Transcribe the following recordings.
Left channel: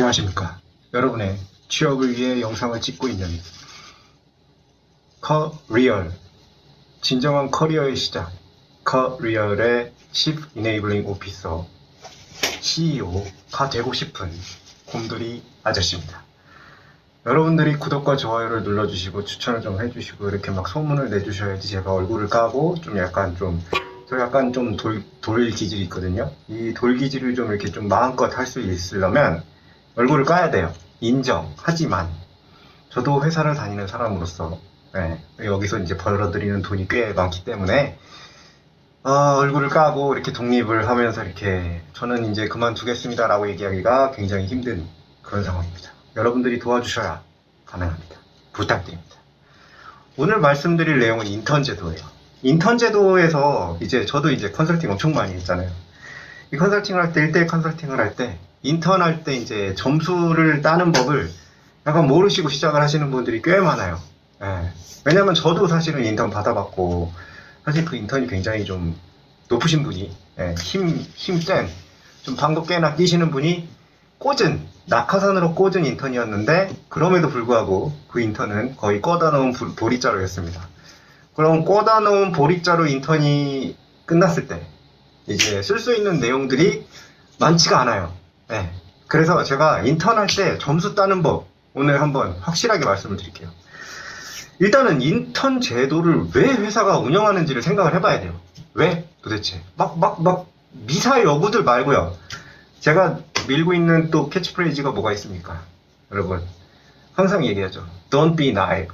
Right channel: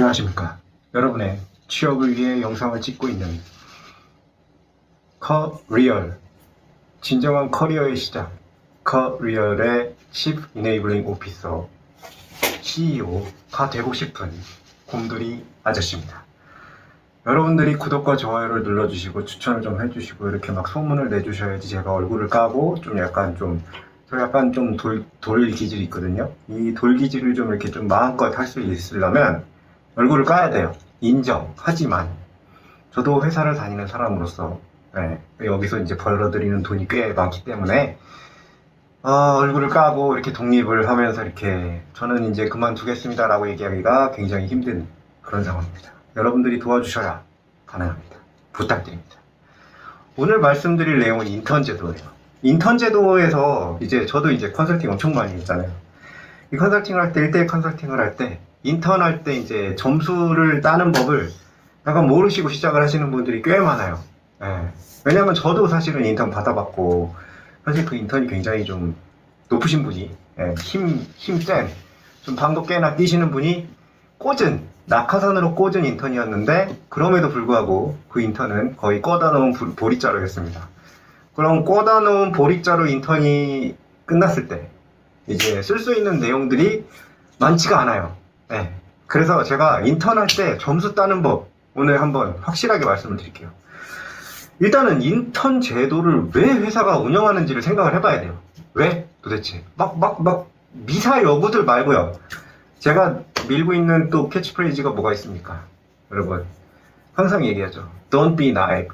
안녕하십니까. 여러분의 취업을 위해 영상을 찍고 있는 커리얼, 진정한 커리어의 시작, 커리얼의 Chief Enabling Officer, CEO가 되고 싶은 곰돌이 아저씨입니다. 여러분들이 구독과 좋아요를 눌러주시고 추천을 좀 해주시고 이렇게 막 소문을 내주셔야지 제가 얼굴을 까고 좀 약간 좀 돌 기질이 있거든요. 이 돌 기질을 좀 이렇게 좀 마음껏 할 수 있으려면 얼굴을 까야 돼요. 인정. 하지만 저도 회사를 다니는 사람으로서 여기서 이제 벌어들이는 돈이 꽤 많기 때문에 얼굴을 까고 이렇게 독립을 하면서 이렇게 저는 이제 그만두겠습니다 라고 얘기하기가 굉장히 힘든 그런 상황입니다. 여러분들이 도와주셔야 가능합니다. 부탁드립니다. 오늘 말씀드릴 내용은 인턴 제도예요. 인턴 제도에서 이제 저도 이제 컨설팅 엄청 많이 했잖아요. 이 컨설팅을 할 때, 1대1 컨설팅을 할 때, 인턴 할 때 이제 점수를 따는 법을 약간 모르시고 시작을 하시는 분들이 꽤 많아요. 왜냐면 저도 사실은 인턴 받아봤고, 사실 그 인턴이 굉장히 좀 높으신 분이, 힘센, 좀 방구 깨나 끼시는 분이 낙하산으로 꽂은 인턴이었는데, 그럼에도 불구하고 그 인턴은 거의 꽂아놓은 보리자루였습니다. 그럼 꽂아놓은 보리자루 인턴이 끝났을 때 이제 쓸 수 있는 내용들이 많지가 않아요. 그래서 제가 인턴 할 때 점수 따는 법 오늘 한번 확실하게 말씀을 드릴게요. 일단은 인턴 제도를 왜 회사가 운영하는지를 생각을 해봐야 돼요. 왜 도대체 막 미사 여구들 말고요. 제가 밀고 있는 또 캐치프레이즈가 뭐가 있습니까? 여러분 항상 얘기하죠. Don't be naive.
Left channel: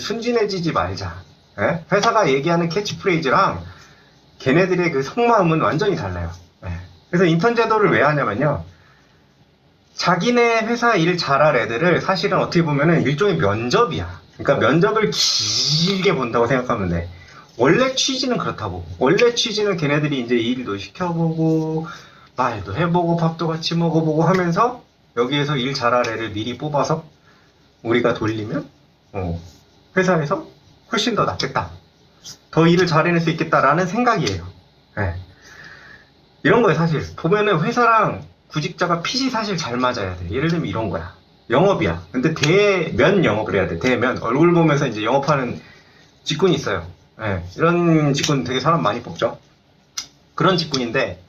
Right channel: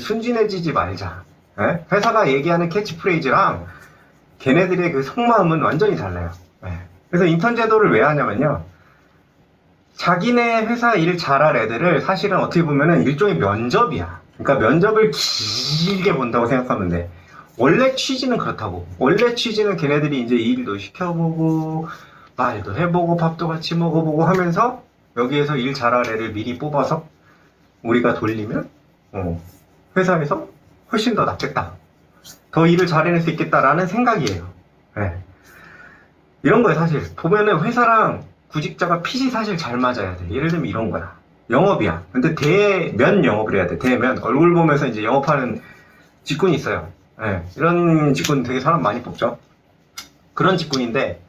순진해지지 말자. 회사가 얘기하는 캐치프레이즈랑 걔네들의 그 속마음은 완전히 달라요. 그래서 인턴 제도를 왜 하냐면요. 자기네 회사 일 잘할 애들을 사실은 어떻게 보면 일종의 면접이야. 그러니까 면접을 길게 본다고 생각하면 돼. 원래 취지는 그렇다고. 원래 취지는 걔네들이 이제 일도 시켜보고 말도 해보고 밥도 같이 먹어보고 하면서 여기에서 일 잘할 애를 미리 뽑아서 우리가 돌리면 회사에서 훨씬 더 낫겠다. 더 일을 잘해낼 수 있겠다라는 생각이에요. 이런 거예요. 사실 보면은 회사랑 구직자가 핏이 사실 잘 맞아야 돼. 예를 들면 이런 거야. 영업이야. 근데 대면 영업을 해야 돼. 대면 얼굴 보면서 이제 영업하는 직군이 있어요. 이런 직군 되게 사람 많이 뽑죠. 그런 직군인데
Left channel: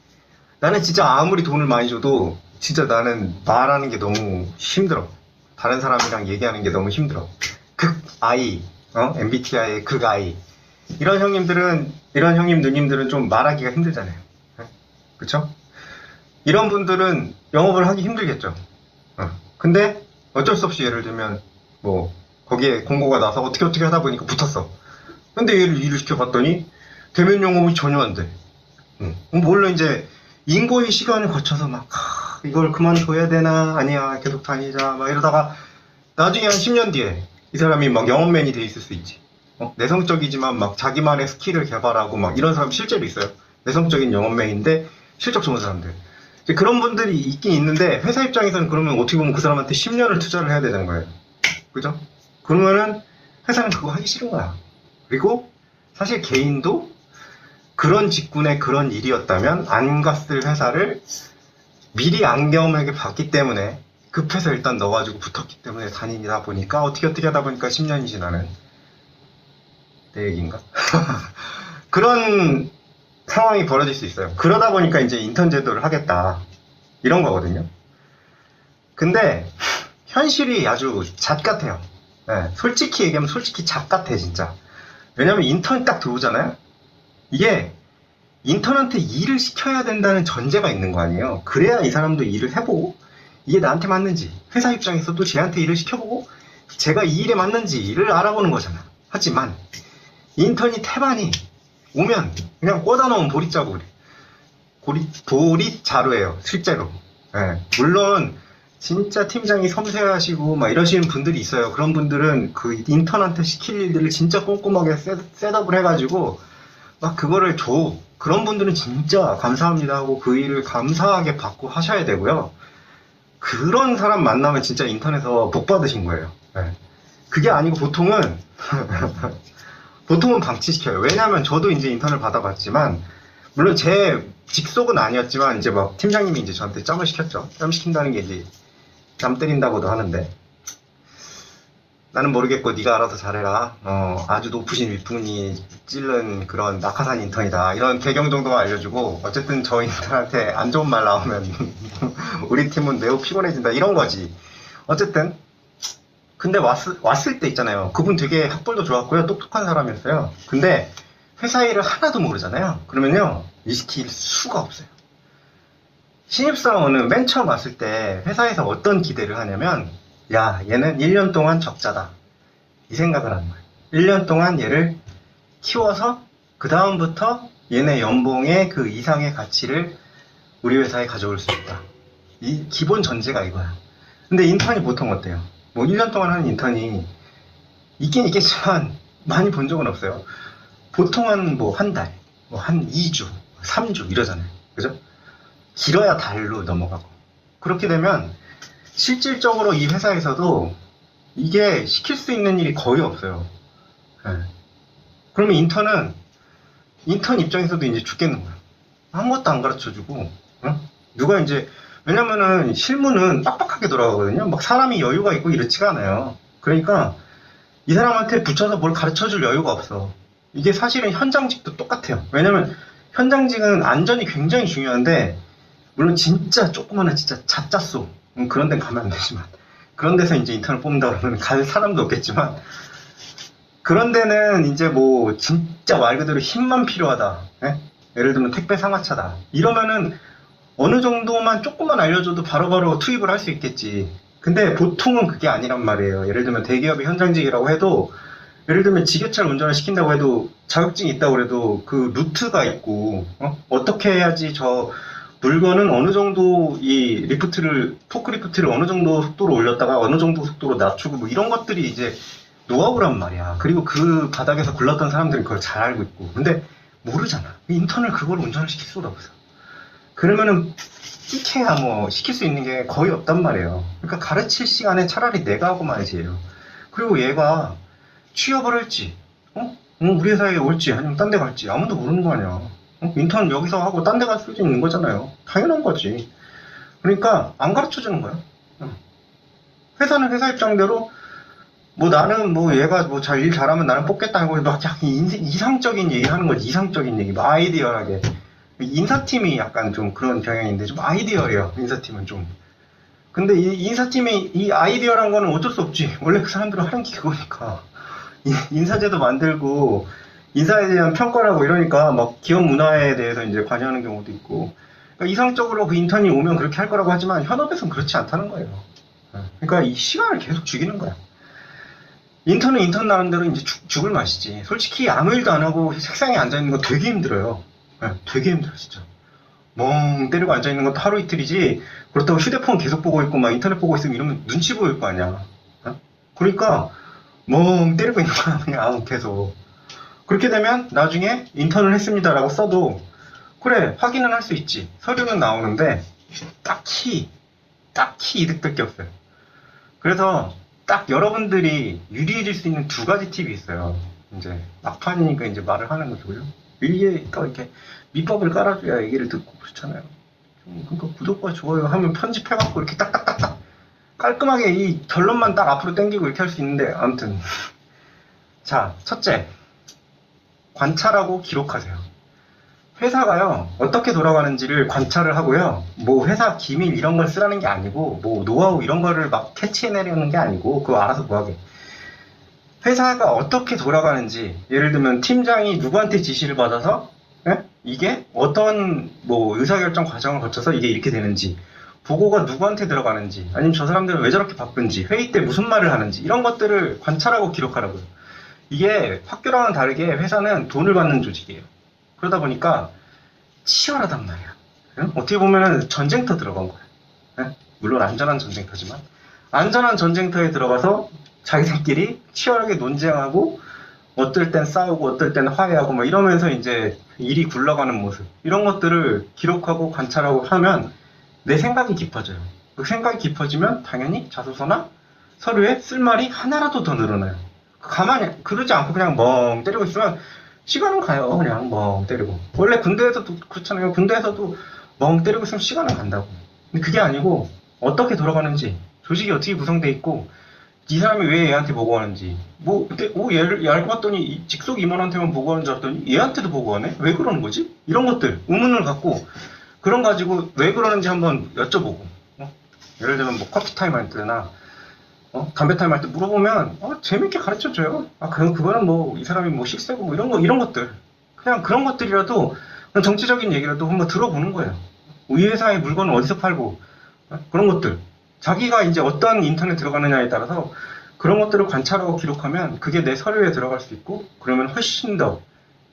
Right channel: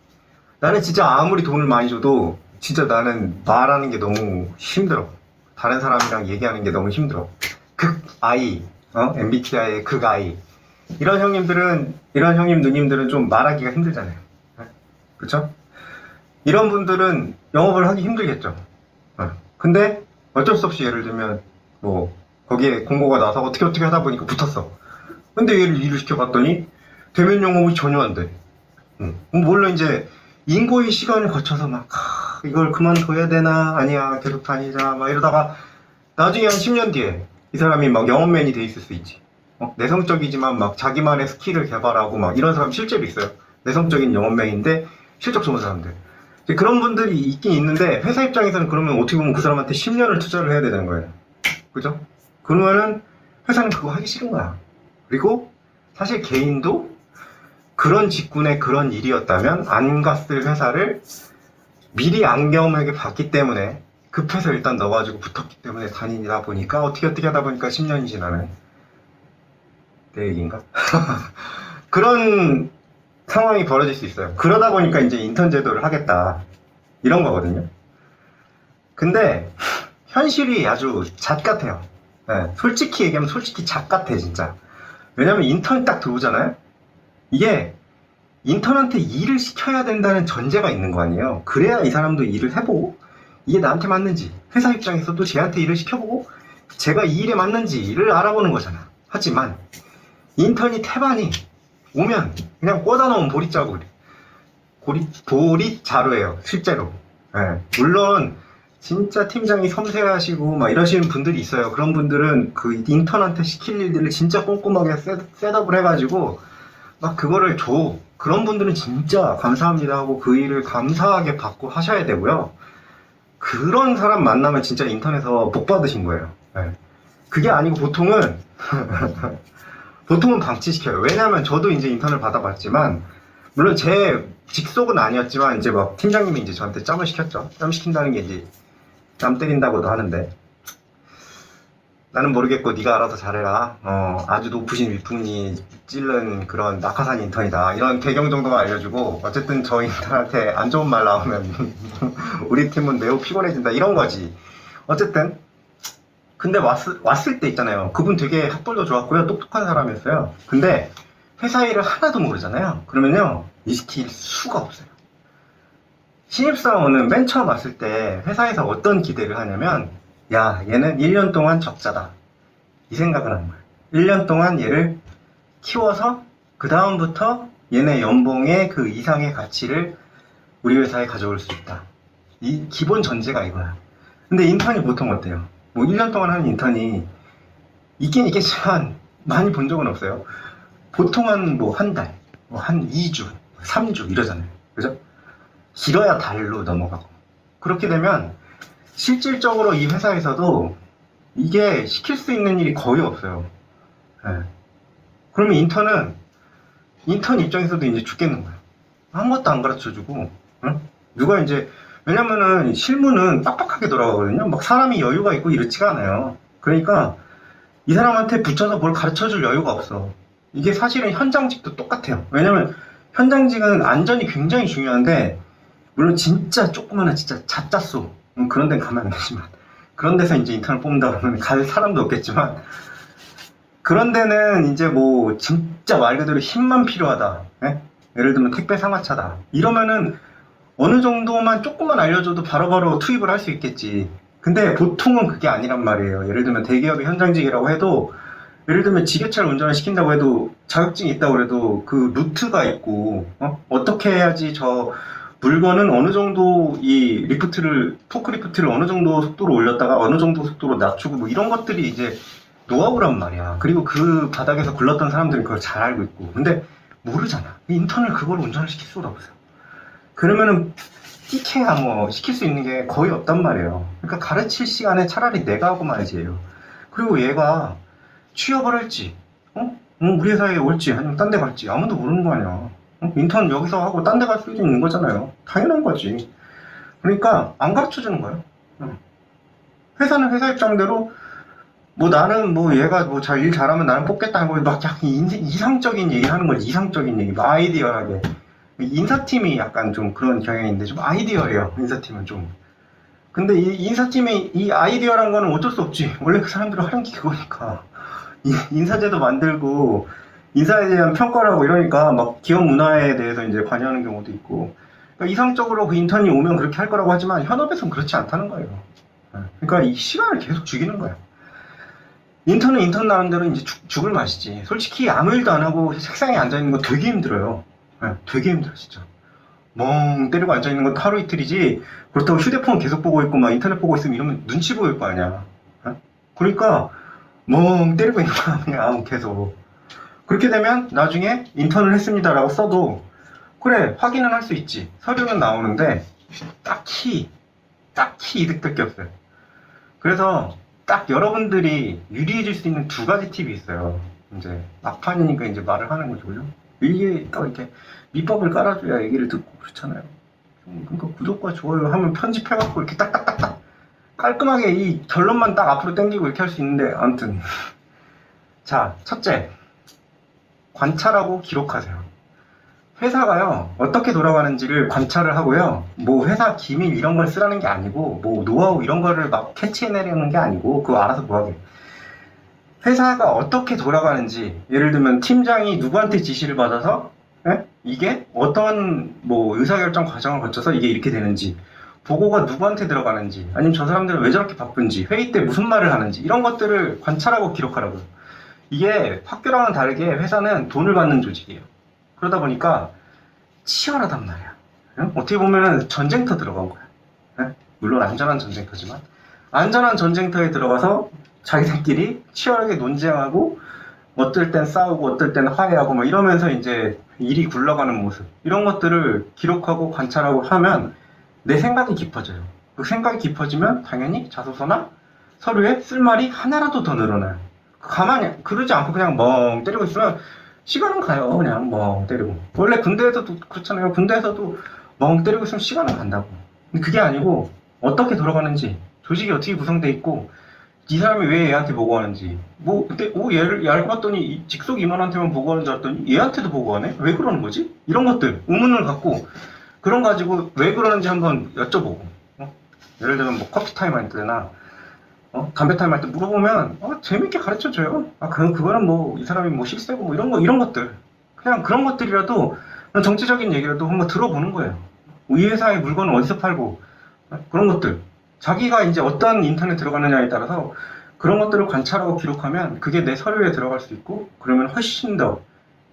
나는 진짜 아무리 돈을 많이 줘도 진짜 나는 말하는 게 너무 힘들어. 다른 사람이랑 얘기하는 게 너무 힘들어. 극아이, MBTI의 극아이. 이런 형님, 누님들은 좀 말하기가 힘들잖아요. 그쵸? 이런 분들은 영업을 하기 힘들겠죠. 근데 어쩔 수 없이 예를 들면, 거기에 공고가 나서 어떻게 하다 보니까 붙었어. 근데 얘를 일을 시켜봤더니, 대면 영업이 전혀 안 돼. 물론 이제, 인고의 시간을 거쳐서 이걸 그만둬야 되나, 아니야, 계속 다니자, 이러다가, 나중에 한 10년 뒤에, 이 사람이 영업맨이 돼 있을 수 있지. 내성적이지만 자기만의 스킬을 개발하고 이런 사람 실제로 있어요. 내성적인 영업맨인데 실적 좋은 사람들. 그런 분들이 있긴 있는데 회사 입장에서는 그러면 어떻게 보면 그 사람한테 10년을 투자를 해야 되는 거예요. 그죠? 그러면은 회사는 그거 하기 싫은 거야. 그리고 사실 개인도 그런 직군의 그런 일이었다면 안 갔을 회사를 미리 안 경험하게 봤기 때문에 급해서 일단 넣어가지고 붙었기 때문에 다니다 보니까 어떻게 하다 보니까 10년이 지나는 내 얘기인가? 그런 상황이 벌어질 수 있어요. 그러다 보니까 이제 인턴 제도를 하겠다 이런 거거든요. 근데 현실이 아주 잣 같아요. 솔직히 얘기하면 솔직히 잣 같아 진짜. 왜냐면 인턴 딱 들어오잖아요. 이게 인턴한테 일을 시켜야 된다는 전제가 있는 거 아니에요. 그래야 이 사람도 일을 해보고 이게 나한테 맞는지 회사 입장에서도 쟤한테 일을 시켜보고 제가 이 일에 맞는지를 알아보는 거잖아. 하지만 인턴이 태반이 오면 그냥 꽂아놓은 보리자루예요 실제로. 물론 진짜 팀장이 섬세하시고 이러시는 분들이 있어요. 그런 분들은 그 인턴한테 시킬 일들을 진짜 꼼꼼하게 셋업을 해가지고 그거를 줘. 그런 분들은 진짜 감사합니다 하고 그 일을 감사하게 받고 하셔야 되고요. 그런 사람 만나면 진짜 인턴에서 복 받으신 거예요. 그게 아니고 보통은 방치시켜요. 왜냐면 저도 이제 인턴을 받아봤지만 물론 제 직속은 아니었지만 이제 팀장님이 이제 저한테 점을 시켰죠. 점 시킨다는 게 이제 남 때린다고도 하는데 나는 모르겠고 네가 알아서 잘해라. 아주 높으신 윗분이 찔른 그런 낙하산 인턴이다. 이런 개경 정도만 알려주고 어쨌든 저 인턴한테 안 좋은 말 나오면 우리 팀은 매우 피곤해진다. 이런 거지. 어쨌든 근데 왔을 때 있잖아요. 그분 되게 학벌도 좋았고요. 똑똑한 사람이었어요. 근데 회사 일을 하나도 모르잖아요. 그러면요. 이시킬 수가 없어요. 신입사원은 맨 처음 왔을 때 회사에서 어떤 기대를 하냐면 야, 얘는 1년 동안 적자다. 이 생각을 하는 거예요. 1년 동안 얘를 키워서 그 다음부터 얘네 연봉의 그 이상의 가치를 우리 회사에 가져올 수 있다. 이 기본 전제가 이거야. 근데 인턴이 보통 어때요? 뭐 1년 동안 하는 인턴이 있긴 있겠지만 많이 본 적은 없어요. 보통은 뭐 한 달, 뭐 한 2주, 3주 이러잖아요. 그죠? 길어야 달로 넘어가고. 그렇게 되면 실질적으로 이 회사에서도 이게 시킬 수 있는 일이 거의 없어요. 네. 그러면 인턴 입장에서도 이제 죽겠는 거야. 아무것도 안 가르쳐주고, 응? 누가 이제, 왜냐면은 실무는 빡빡하게 돌아가거든요. 막 사람이 여유가 있고 이렇지가 않아요. 그러니까 이 사람한테 붙여서 뭘 가르쳐줄 여유가 없어. 이게 사실은 현장직도 똑같아요. 왜냐면 현장직은 안전이 굉장히 중요한데, 물론 진짜 조그마한 진짜 잣잡소 그런 데는 가면 안 되지만 그런 데서 이제 인턴을 뽑는다 그러면 갈 사람도 없겠지만 그런 데는 이제 뭐 진짜 말 그대로 힘만 필요하다. 네? 예를 들면 택배 상하차다. 이러면은 어느 정도만 조금만 알려줘도 바로바로 투입을 할 수 있겠지. 근데 보통은 그게 아니란 말이에요. 예를 들면 대기업의 현장직이라고 해도 예를 들면 지게차를 운전을 시킨다고 해도 자격증이 있다고 해도 그 루트가 있고 어떻게 해야지 저 물건은 어느 정도 이 포크리프트를 어느 정도 속도로 올렸다가 어느 정도 속도로 낮추고 뭐 이런 것들이 이제 노하우란 말이야. 그리고 그 바닥에서 굴렀던 사람들이 그걸 잘 알고 있고. 근데 모르잖아. 인턴을 그걸 운전을 시킬 수가 없어. 그러면은 티케야 뭐 시킬 수 있는 게 거의 없단 말이에요. 그러니까 가르칠 시간에 차라리 내가 하고 말이지. 그리고 얘가 취업을 할지, 우리 회사에 올지, 아니면 딴 데 갈지 아무도 모르는 거 아니야. 인턴 여기서 하고 딴 데 갈 수 있는 거잖아요. 당연한 거지. 그러니까 안 가르쳐 주는 거야. 회사는 회사 입장대로 뭐 나는 뭐 얘가 뭐 일 잘하면 나는 뽑겠다 이거 막 약간 이상적인 얘기 하는 거지. 이상적인 얘기, 막 아이디어하게. 인사팀이 약간 좀 그런 경향인데 좀 아이디어래요. 인사팀은 좀. 근데 이 인사팀이 이 아이디어란 거는 어쩔 수 없지. 원래 그 사람들은 하는 게 그거니까. 인사제도 만들고 인사에 대한 평가를 하고 이러니까 막 기업 문화에 대해서 이제 관여하는 경우도 있고. 그러니까 이상적으로 그 인턴이 오면 그렇게 할 거라고 하지만 현업에서는 그렇지 않다는 거예요. 그러니까 이 시간을 계속 죽이는 거야. 인턴은 인턴 나름대로 이제 죽을 맛이지. 솔직히 아무 일도 안 하고 책상에 앉아있는 거 되게 힘들어요. 되게 힘들어 진짜. 멍 때리고 앉아있는 것도 하루 이틀이지. 그렇다고 휴대폰 계속 보고 있고 막 인터넷 보고 있으면 이러면 눈치 보일 거 아니야. 그러니까 멍 때리고 있는 거야 그냥 계속. 그렇게 되면 나중에 인턴을 했습니다라고 써도 그래 확인은 할 수 있지. 서류는 나오는데 딱히 이득될 게 없어요. 그래서 딱 여러분들이 유리해질 수 있는 두 가지 팁이 있어요. 이제 막판이니까 이제 말을 하는 거죠. 위에 또 이렇게 밑밥을 깔아줘야 얘기를 듣고 그렇잖아요. 그러니까 구독과 좋아요 하면 편집해갖고 이렇게 딱딱딱딱 깔끔하게 이 결론만 딱 앞으로 당기고 이렇게 할 수 있는데 아무튼 자 첫째 관찰하고 기록하세요. 회사가요 어떻게 돌아가는지를 관찰을 하고요 뭐 회사 기밀 이런 걸 쓰라는 게 아니고 뭐 노하우 이런 거를 막 캐치해내려는 게 아니고 그거 알아서 뭐하게 회사가 어떻게 돌아가는지 예를 들면 팀장이 누구한테 지시를 받아서 이게 어떤 뭐 의사결정 과정을 거쳐서 이게 이렇게 되는지 보고가 누구한테 들어가는지 아니면 저 사람들은 왜 저렇게 바쁜지 회의 때 무슨 말을 하는지 이런 것들을 관찰하고 기록하라고요. 이게 학교랑은 다르게 회사는 돈을 받는 조직이에요. 그러다 보니까 치열하단 말이야. 어떻게 보면 전쟁터 들어간 거야. 물론 안전한 전쟁터지만 안전한 전쟁터에 들어가서 자기들끼리 치열하게 논쟁하고 어떨 땐 싸우고 어떨 땐 화해하고 막 이러면서 이제 일이 굴러가는 모습 이런 것들을 기록하고 관찰하고 하면 내 생각이 깊어져요. 그 생각이 깊어지면 당연히 자소서나 서류에 쓸 말이 하나라도 더 늘어나요. 가만히 그러지 않고 그냥 멍 때리고 있으면 시간은 가요. 그냥 멍 때리고. 원래 군대에서도 그렇잖아요. 군대에서도 멍 때리고 있으면 시간은 간다고. 근데 그게 아니고 어떻게 돌아가는지 조직이 어떻게 구성돼 있고 이 사람이 왜 얘한테 보고하는지 뭐 그때 얘를 알고 봤더니 직속 임원한테만 보고하는 줄 알았더니 얘한테도 보고하네? 왜 그러는 거지? 이런 것들 의문을 갖고 그런 가지고 왜 그러는지 한번 여쭤보고 예를 들면 뭐 커피 타임 할 때나 담배 타임 할 때 물어보면 재밌게 가르쳐줘요. 그냥 그거는 뭐 이 사람이 뭐 실세고 뭐 이런 것들 그냥 그런 것들이라도 그런 정치적인 얘기라도 한번 들어보는 거예요. 이 회사의 물건을 어디서 팔고 그런 것들 자기가 이제 어떤 인턴에 들어가느냐에 따라서 그런 것들을 관찰하고 기록하면 그게 내 서류에 들어갈 수 있고 그러면 훨씬 더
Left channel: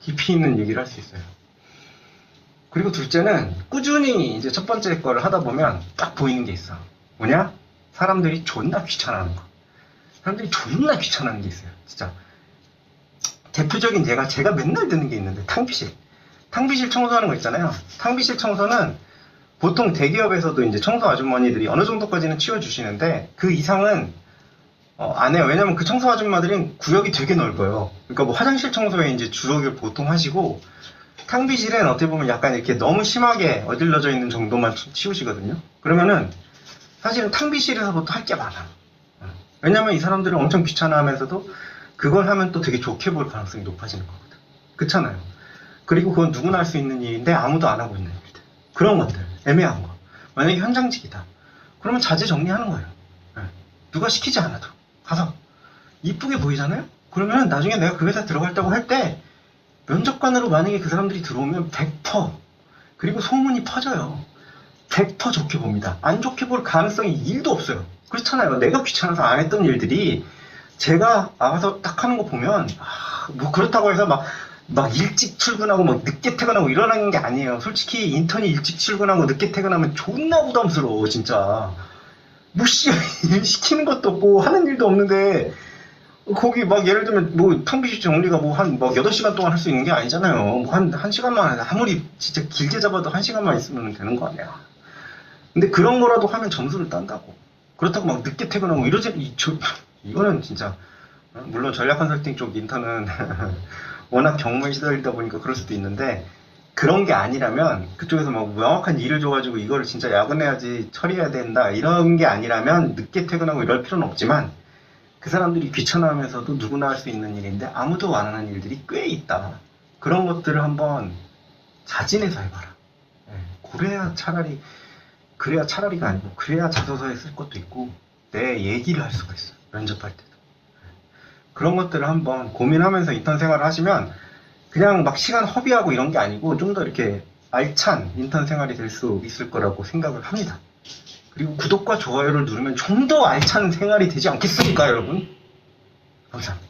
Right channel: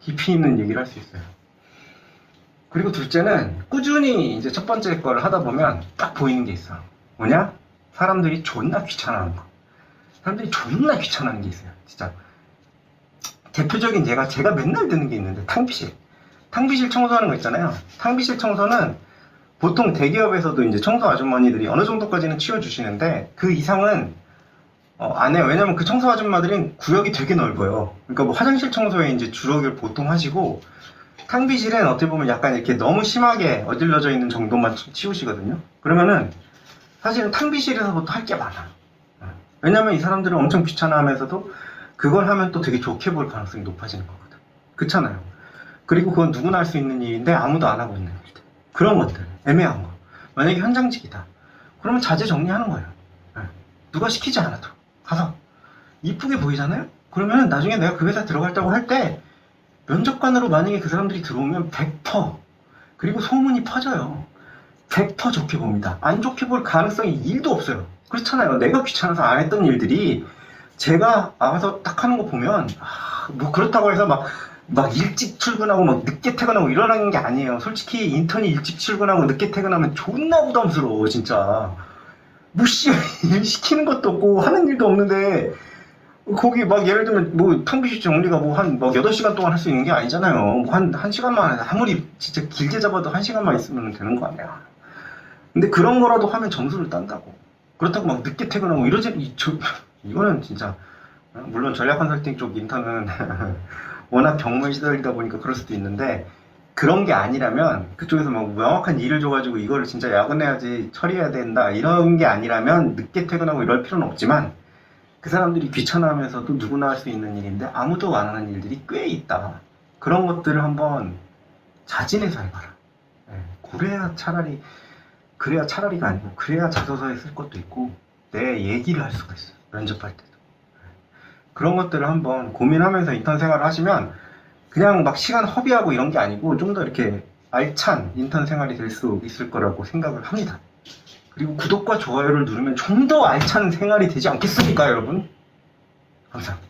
깊이 있는 얘기를 할 수 있어요. 그리고 둘째는 꾸준히 이제 첫 번째 거를 하다 보면 딱 보이는 게 있어. 뭐냐? 사람들이 존나 귀찮아하는 거. 사람들이 존나 귀찮아하는 게 있어요. 진짜. 대표적인 제가 맨날 듣는 게 있는데 탕비실. 탕비실 청소하는 거 있잖아요. 탕비실 청소는 보통 대기업에서도 이제 청소 아주머니들이 어느 정도까지는 치워주시는데 그 이상은 안 해요. 왜냐면 그 청소 아줌마들은 구역이 되게 넓어요. 그러니까 뭐 화장실 청소에 이제 주로 보통 하시고 탕비실은 어떻게 보면 약간 이렇게 너무 심하게 어질러져 있는 정도만 치우시거든요. 그러면은 사실은 탕비실에서부터 할 게 많아. 왜냐면 이 사람들은 엄청 귀찮아하면서도 그걸 하면 또 되게 좋게 볼 가능성이 높아지는 거거든. 그렇잖아요. 그리고 그건 누구나 할 수 있는 일인데 아무도 안 하고 있는 일들. 그런 것들, 애매한 거. 만약에 현장직이다. 그러면 자재 정리하는 거예요. 누가 시키지 않아도. 가서. 이쁘게 보이잖아요? 그러면 나중에 내가 그 회사 들어갈다고 할 때 면접관으로 만약에 그 사람들이 들어오면 100% 그리고 소문이 퍼져요. 100% 좋게 봅니다. 안 좋게 볼 가능성이 1도 없어요. 그렇잖아요. 내가 귀찮아서 안 했던 일들이 제가 나가서 딱 하는 거 보면 뭐 그렇다고 해서 막 일찍 출근하고 막 늦게 퇴근하고 이러는 게 아니에요. 솔직히 인턴이 일찍 출근하고 늦게 퇴근하면 존나 부담스러워 진짜. 뭐 시키는 것도 없고 하는 일도 없는데 거기 막 예를 들면 뭐 탕비실 정리가 뭐 한 막 8시간 동안 할 수 있는 게 아니잖아요. 뭐 한 시간만 해도 아무리 진짜 길게 잡아도 1시간만 있으면 되는 거 아니야. 근데 그런 거라도 하면 점수를 딴다고. 그렇다고 막 늦게 퇴근하고 이거는 진짜 물론 전략 컨설팅 쪽 인턴은 워낙 경무에 시달리다 보니까 그럴 수도 있는데 그런 게 아니라면 그쪽에서 뭐 명확한 일을 줘가지고 이거를 진짜 야근해야지 처리해야 된다 이런 게 아니라면 늦게 퇴근하고 이럴 필요는 없지만 그 사람들이 귀찮아하면서도 누구나 할 수 있는 일인데 아무도 안 하는 일들이 꽤 있다. 그런 것들을 한번 자진해서 해봐라. 그래야 차라리가 아니고 그래야 자소서에 쓸 것도 있고 내 얘기를 할 수가 있어. 면접할 때도. 그런 것들을 한번 고민하면서 인턴 생활을 하시면 그냥 막 시간 허비하고 이런 게 아니고 좀 더 이렇게 알찬 인턴 생활이 될 수 있을 거라고 생각을 합니다. 그리고 구독과 좋아요를 누르면 좀 더 알찬 생활이 되지 않겠습니까, 여러분? 감사합니다.